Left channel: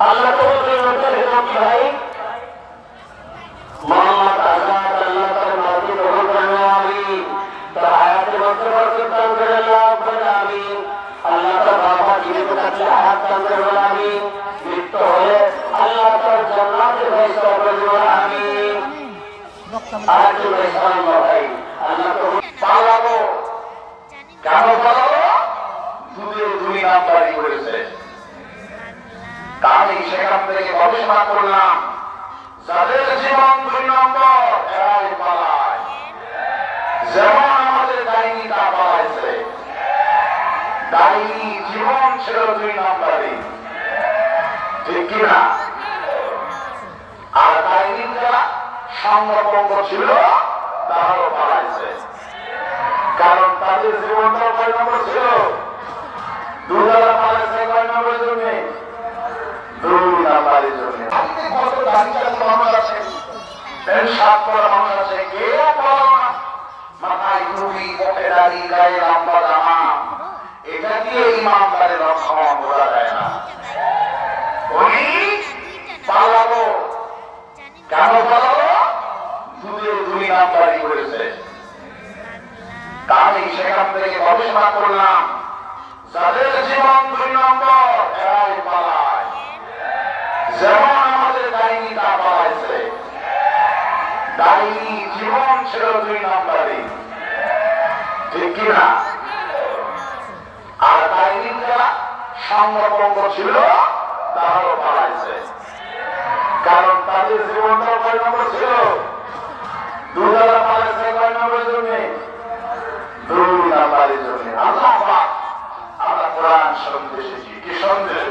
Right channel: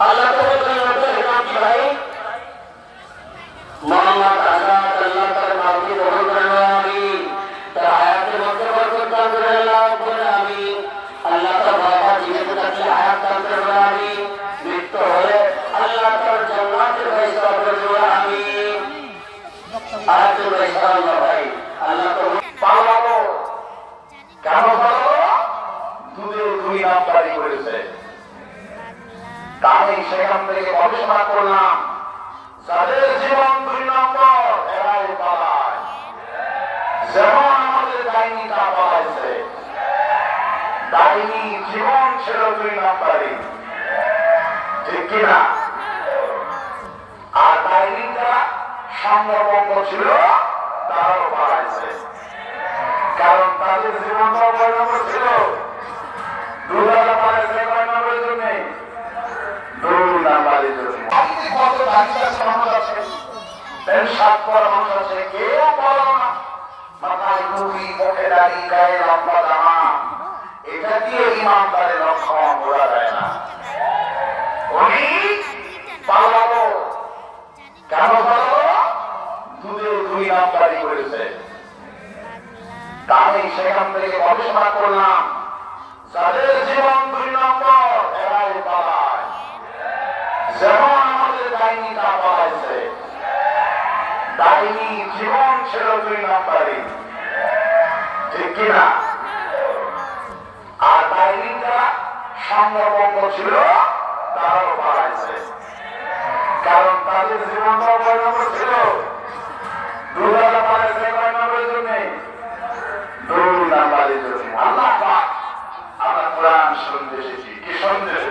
আল্লাহ তো বলছেন কি ভাই মোহাম্মদ আজাদ আল্লাহ তার নামকে গ্রহণ করেন আমি তার হায়াতের মধ্যে বরকত দান করেন আল্লাহ আমি আল্লাহ তার বাবা জীবিত থাকলে হায়াত দান করেন আমি মৃত্যু হলে আল্লাহ তার জান্নাতের ফয়সালা করে দেবেন আমি আরেকটু ফয়সালা ভাই আল্লাহ তো পালাবো কেন পালাবো দুধে দুই নাম্বারি করেছে তাই সেখান থেকে গবেষণা করলাম যাদের জীবন দুই নম্বর এরাই পালায় যেমন আমাদের ডাইনি তা পালাইছে ডাইনি জীবন ছিল দুই নম্বরে ঠিক কিনা আর ডাইনি যারা স্বর্ণপঙ্গ ছিল তারাও পালাইছে কারণ তাদের জীবনটা কয় নম্বর ছিল দুধারা পালাইছে কয় নম্বরের জন্য দুই নম্বরের জন্য আপনি কত দাঁড়িয়ে মানুষ আছে সাত করা মানুষ আছে কেউ মাথায় টুপি পথে দাঁড়িয়ে গায়ে লম্বা জামা এটা দিয়ে ইমানদারের লক্ষ্য বোঝা যায় না উনি পালাবো কেন পালাবো দুধে দুই নাম্বারি করেছে তাই সেখান থেকে গবেষণা করলাম যাদের জীবন দুই নম্বর এরাই পালায় যেমন আমাদের ডাইনি তা পালাইছে ডাইনি জীবন ছিল দুই নাম্বারে ঠিক কিনা আর ডাইনি যারা স্বর্ণপঙ্গ ছিল তারাও পালাইছে কারণ তাদের জীবনটা কয় নম্বর ছিল দুধারা পালাইছে কয় নম্বরের জন্য দুই নাম্বারের জন্য আল্লাহ পাক আমরা কোরআন সন্দেশ কি সন্দেশ